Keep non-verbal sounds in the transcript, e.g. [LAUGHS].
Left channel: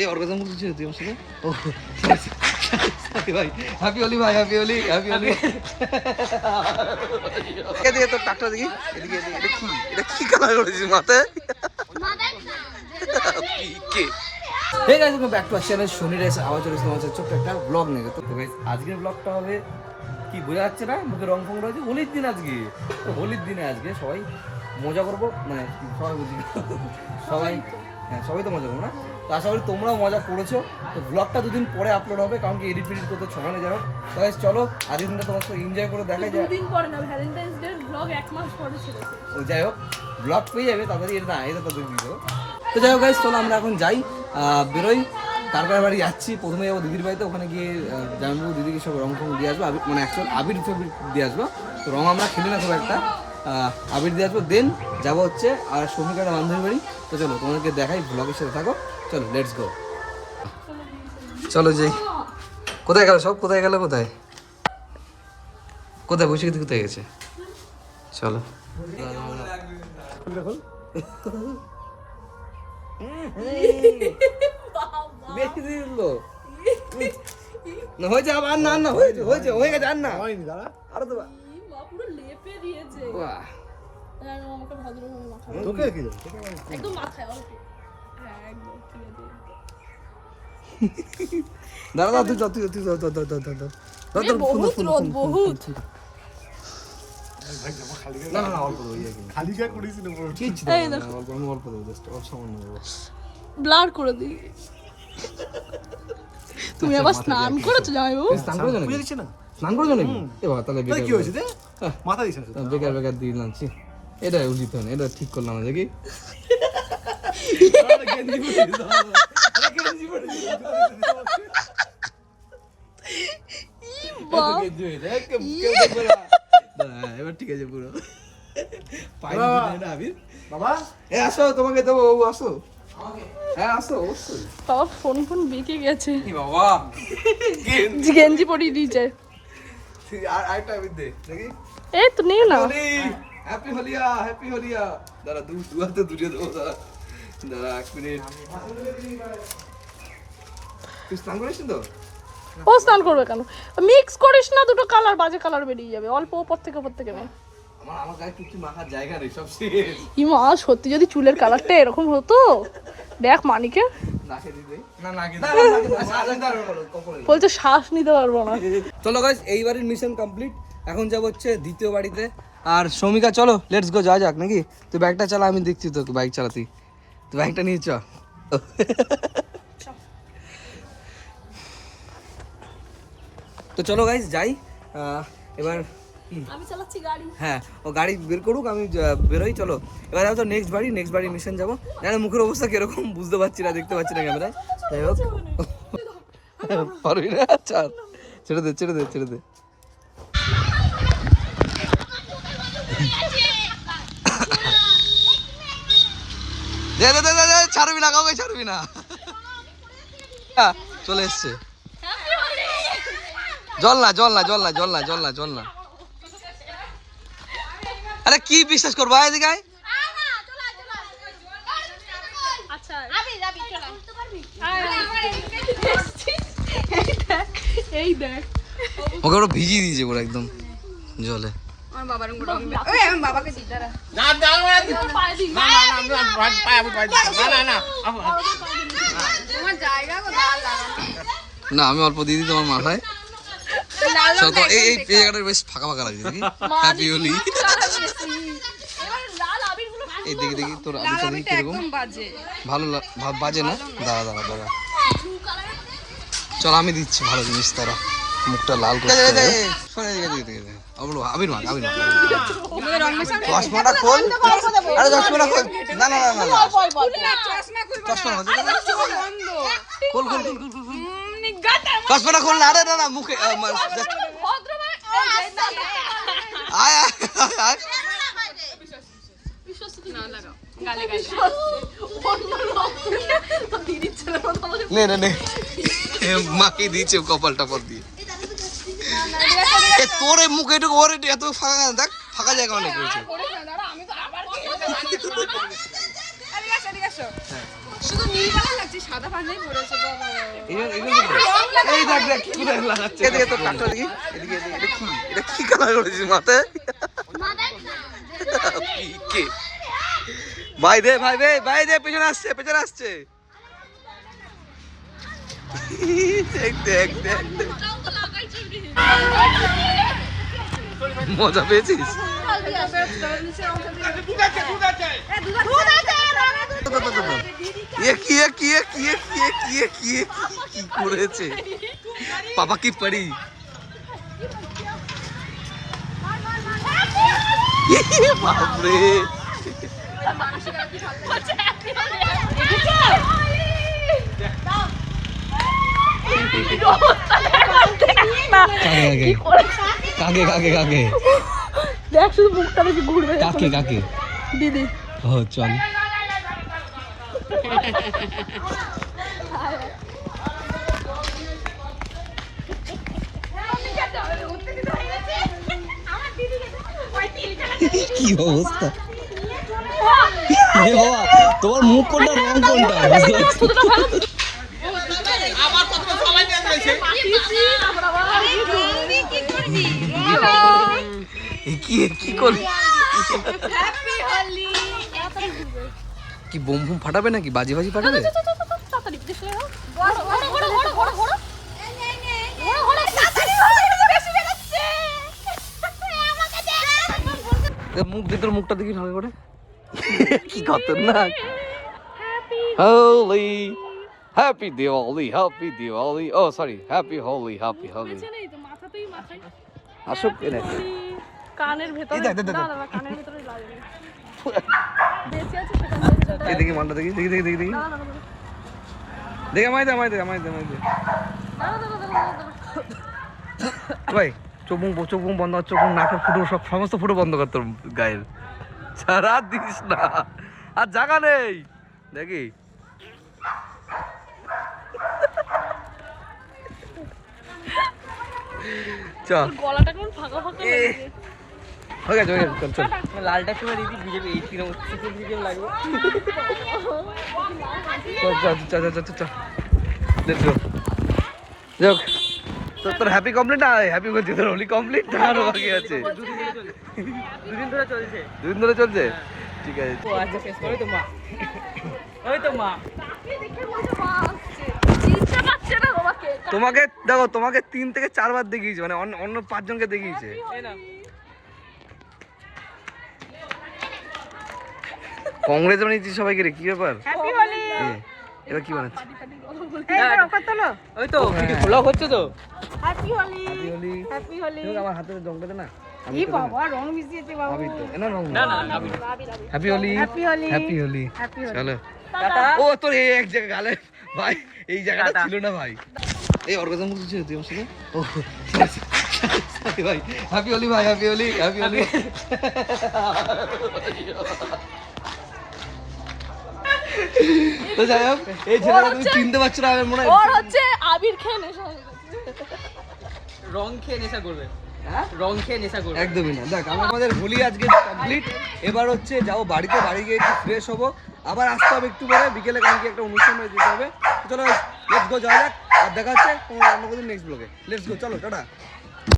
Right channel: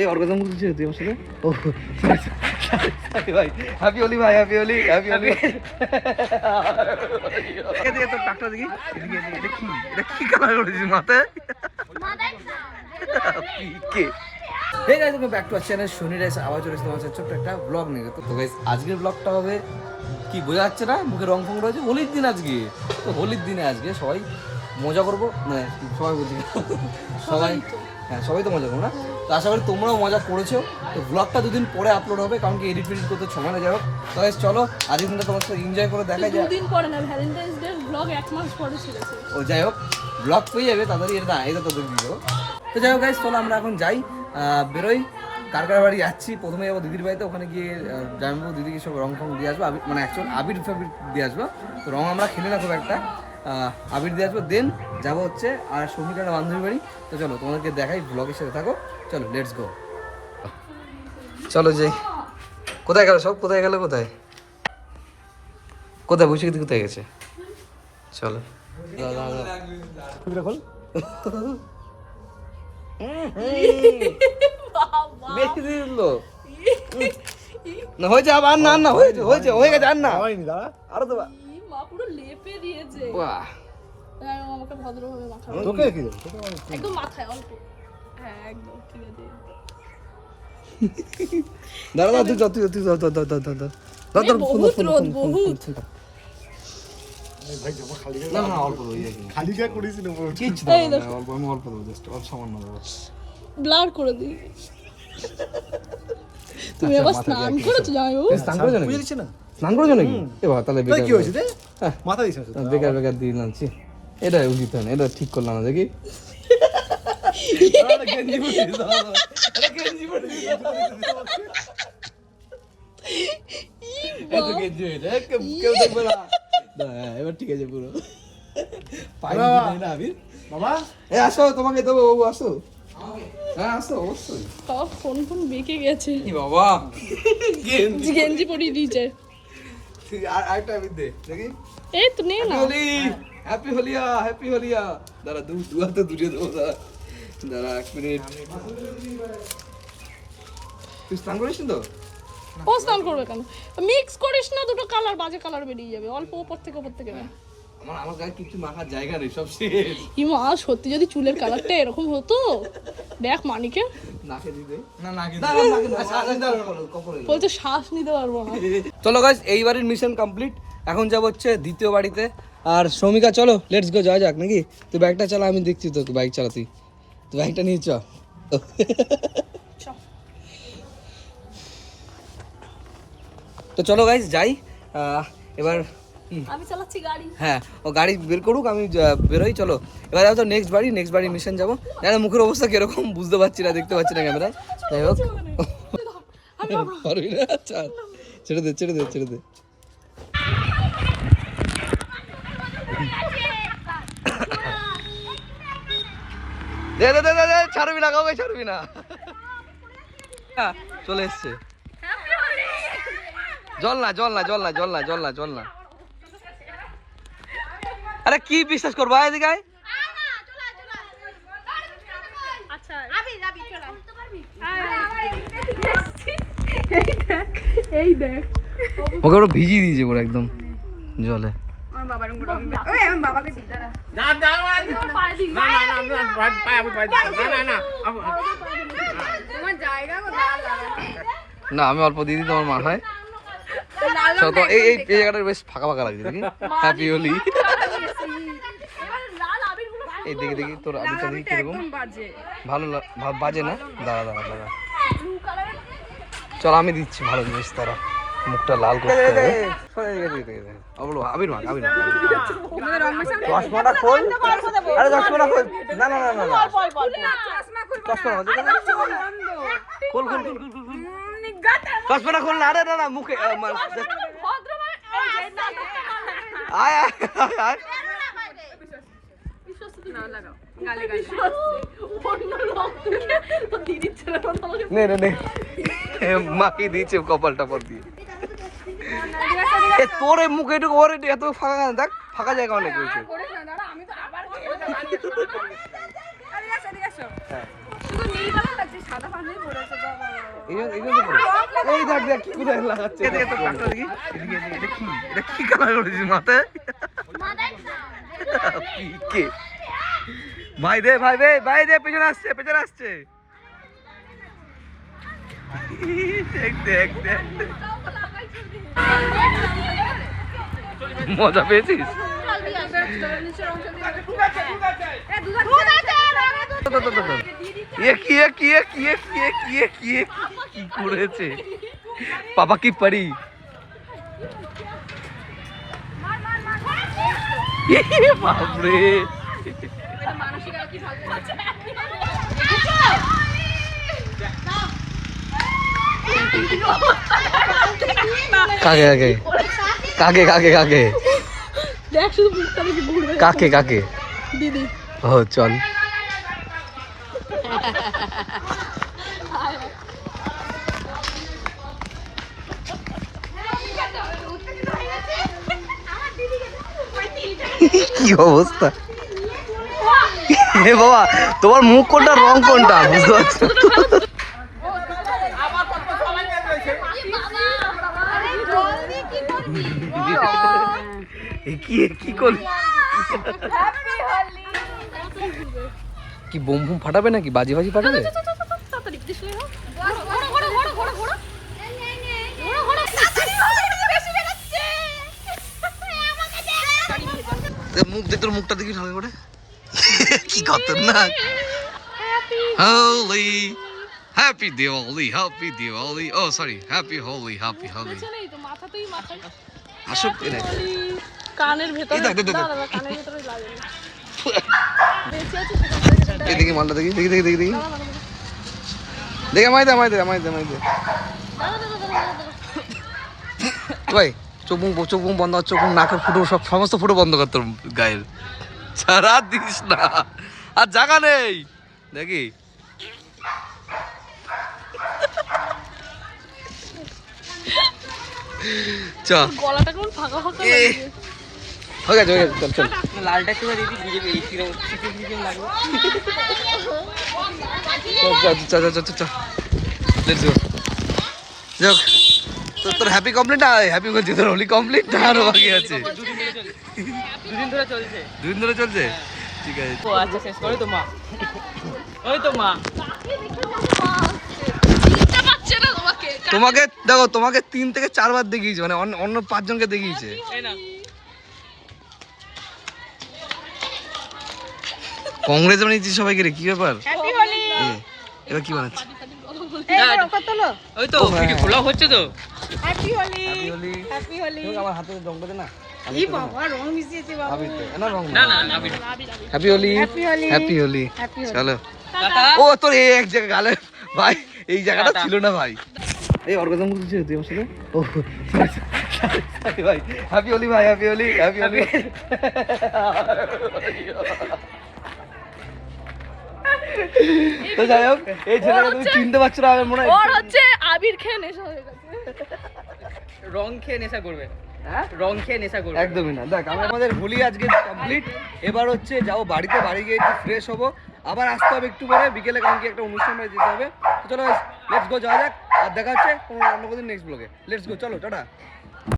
এই অর্গাজম তুই আমার সাথে। ও sorry ভাই হ্যাপি হোলি ভাই হ্যাপি হোলি হ্যাপি হোলি। এদিকে তোর টাকটা দেখি এদিকে এদিকে এটা কি এটা কি কালার করেছিস মাথায়? পিকে hey guys okay back to our channel শনি রাইস আবার চলে তোমার ছোট্ট একটা ব্লগ নিয়ে। তো আজকের ব্লগটা হবে কি বোঝা যাচ্ছে না মুখে রং ফং রয়েছে হোলির দিন আজকে। তো হোলির দিনে আজকে সবাই মজা করব মানে সবাই বলছি সবাই হ্যাঁ সবাই তো মজা করব না। তো আশা করি তোমরাও মজা করেছ। তো ব্লগটা দুদিন পরে আপলোড হবে কারণ কি এডিট ফেডিট করতে সময় না যাই হোক তো চলো আজকের দিনটা তোমার সাথে এনজয় করে দেখাই যায় দুদিন পরে না ভ্যালেন্টাইন্স ডে ব্লগ এক মাস পরে ছেড়েছে ও যাই হোক ব্লগ পেয়ে যাবে তাড়াতাড়ি এটা এটা তোদের ভিডিও তো যাই হোক গাইজ চলো আমরা এখন যাই। বেরোই কার কার বাড়ি যাচ্ছি প্রথমে যাব দিদির বাড়িতে ওখানে গিয়ে জামাইবাবু দিদিকে সব রং ফং দিয়ে আসব মানে অ্যাকচুয়াল আবির ফাবির দিয়ে আসব। তো রং আমরা খেলি না খুব একটা। আবির দিয়ে আসব দেন যাব হচ্ছে আর শ্রমিকার বান্ধবী বাড়ি। তো চলো তোমাদেরকে দেখাই ব্লগের সাথে থাকো। চলো লেটস গো চলো যাই। কোথায় গেল সব? কোথায় গেল কোথায়? কোথায়? বসে কোথায় গেছে? চলো। বেশি দিল না হয়েছে আবার না না হয়েছে হয়েছে হয়ে গেছে আর না হয়নি দাদা আরও তো বা- পুরো লেপে দিয়েছে। বাহ। আমাকে ভদ্রভাবে মাখা তোকে কি? একদম মাখায় অল্প। হ্যাঁ, দাঁড়া তুই যা তুই তুই দাঁড়া দাঁড়া দাঁড়া দাঁড়া বহুত রোদ বহুত। না না অল্প খালি কিছু অল্প আমি অল্প দেবো জাস্ট অল্প সামান্য দেবো ব্লার করে দিই। তুমি আচ্ছা, আবার স্নান করেছ স্নান করেছ নাকি? স্নান করেছ নাকি? তাহলে বেকার কি হয়েছে মাথা দিছ বেকার বেকার দিয়ে এটা উচিত হয় না এটা ঠিক করলাম আজকে এবার ঠিক আছে পুরো আসো তোমাকে দেবো বাবু আসো হ্যাঁ আসো অবশ্যই ফোন ফোন বেঁকে গেছে বাবা গেঞ্জি পরিয়ে দিয়েছে আর আরেকটা দে দেখি এই তো নেই না হ্যাপি হোলিয়া হ্যাপি হোলিয়া দাঁড়া দু দু হাতে দুটো দেবো দাঁড়া দাঁড়া এক মিনিট। তুই স্নান করিস তো? ও স্নান করবে কেন? মিক্স করিস না দুটো কালার বাজে কালার বেরিয়ে যাবে। অল্প ওপর থেকে ওপর থেকে। না আমার আমার গায়ে কিছু মাখার জায়গা নেই সব শেষ। ইমা সত্যি যদি চুলের কালারটা এরকম হতো? দেখ মানিকে। বলছে শ্বাস নিতে পারব না। চলো মিশন কমপ্লিট এখন যাব হচ্ছে দ্বিতীয় বাড়িতে। আর শ্রমিকা চলো লেটস গো যাওয়া যাক নাকি? তুই বাইকটা চালা আমি দেখছি তোকে বাইক চালাতি তুই বাইকটা নিয়ে চ। তো চলো গাইজ যাই। এবার আমি চালাচ্ছি গাড়ি। হ্যাঁ ও গাড়ি বের করুক আমি বেরোই চলো। এবার যাব তো নেক্সট বাড়ি নেক্সট বাড়ি মিশন যাব। জানি না মুখের অবস্থা কীরকম বুঝতে পারছি না দেখতে পাচ্ছি না ক্যামেরায় যাই হোক। পারবি না? আচ্ছা ছেড়ে দে ছেড়ে দে ছেড়ে দে। [LAUGHS] [LAUGHS] দে দে দে দে, ছাড়বি না কাউকে ছাড়বি না। চলে এসছে। জল না জল না জল না জল না জল না জল না। আরে কি বিশ্বাস করব এদিকে ওকে ওরা ভিজিয়ে দিয়েছে পুরো একদম জলে। না আমি অল্প দিয়ে দিই তোমার মাথায়। তো এই এই এই জায়গাটা বেশ ফাঁকা ফাঁকা লাগছে দেখি। হ্যাপি হোলি এই দেখি দেখি তোর আবিটা দেখি কীরকম? ভালো বাজে না? দাঁড়া দাঁড়া দাঁড়া। চল আমি দিচ্ছি ভালো জিনিস তারা মুখটা লাল করতে হবে। আবির মাখ আবির মাখ চশমাটা খোল। আরে চশমাটা খোল। না না না না না। চশমা খোল খোল খোল খোল খোল খোল। চশমাটা খোল না আরে না না মুখে আয় আয় নে নে মাকে দিয়েছে কপাল টপাল দিয়ে। এ তোর এই মুখে এটুকু ওর এটু- এত ফাঁকা? দেখ ফাঁকা জায়গা অনেক রয়েছে। শুধু এই- দেখ দেখ কোথায় লাগাচ্ছে। এদিকে তো কাটটা দেখি। এদিকে এদিকে এটা কি? এটা কি কালার করেছিস মাথায় পিকে ভাই দে ভাই দে ভাই দে পেছনে আসছে পেছনে আসছে। দেখ দেখ দেখ। মজা পেয়েছিস? কি এ কি এ কি কি এ কি কাকে কাকে? কাকে কাকে কাকে? দেখ শুধু মুখটা দেখি ঘুরবে। কাকে কাকে? দিদি। ও চল। কি অবস্থা? এ বাবা তোমার মুখ কোনটা রং কোনটা? বুঝতে পারছ? কি কি করলি? কি বোম বুম ফাটাবে নাকি? বাজি বাজি ফাটাবে? তো মুখ দেখে তোর মুখটা দেখি ভালো করে। কি খতরনাক। হোলি হ্যাপি দিওয়ালি হ্যাপি দিওয়ালি ও sorry happy Holi happy Holi আসুক এনে। কানের ভেতরে এই দেখ, দেখ, দেখ, দেখ। দেখি মালটা দেখি দেখি দেখি দেখি দেখি। দেখে আমায় দে দে ভাই চোখ মুখ চোখ মুখ বন্ধ চোখ মুখ নাকের ফুটো সব সমস্ত ফুটো বন্ধ কর তোর গায়ের। সারা দিস না। আর জায়গা নেই। দেখি। চ। গলাটা কেমন ফাঁকা ফাঁকা। হয়ে গেছে হয়ে গেছে চল চল। লালটা চলে দিবি বিজেপি চিকেন লাগবে। চল চল চল চল লেটস গো যাক তোর তোর হ্যাপি কমপ্লিট না? হ্যাপি করছি তোর হোলি কমপ্লিট না আরও বাকি আছে। দুদিন ধরে চলছে। দুদিন ধরে চলছে। ঠিক আছে। ও আচ্ছা শেষ। করে তো মা। ওই তো মা। তোমাকে। দেখো তোমাকে তিন থেকে চারবার দেখিয়েছে মানে অন্য- অন্য পাঁচজনকে দেখিয়েছে এই না কংগ্রেস বানিয়েছি সবাইকে রে কি ব্যাপার? হ্যাপি হোলি এ, এবার কি বানাচ্ছে ওই তো ভিডিও খোলা হচ্ছে তো। হ্যাপি হোলি হ্যাপি হোলি আমার হাতে রংটা না। ই রং মিশিয়েছে বাবা। আবির দে। না রং না না না। না video happy Holi happy happy Holi চলো। টাটা ও তোর এই এক জায়গা গালে। ভাই এই জায়গাটা ছিল না ভাই। এই অর্গাজম করছিস তুই আমার সাথে? ও ভাই। হ্যাপি হোলি ভাই হ্যাপি হোলি হ্যাপি হোলি তো যাই হোক এই ছেলেটা তুমি চিনতে পারছ না মনে হয় ওর হচ্ছে আবির খেয়ে নেশা হয়ে গেছে। রং খেয়ে নেশা করবে। হ্যাঁ? রং খেয়ে নেশা করবে। একদমই না। দেখ আমি আমাদের হোলি আজকে কমপ্লিট এবার হচ্ছে যাও বাড়িতে বাড়ি গিয়ে একটু ফ্রেশ হব। আবার আসতে হবে একটু পরে। বিকেলে কালকে একটা অনুষ্ঠানে যেতে হবে। তো চলো লেটস গো যাওয়া যাক। আর দেখা হচ্ছে কোনো অন্য কোনো নেক্সট ব্লগে লেটস গো চলো টাটা।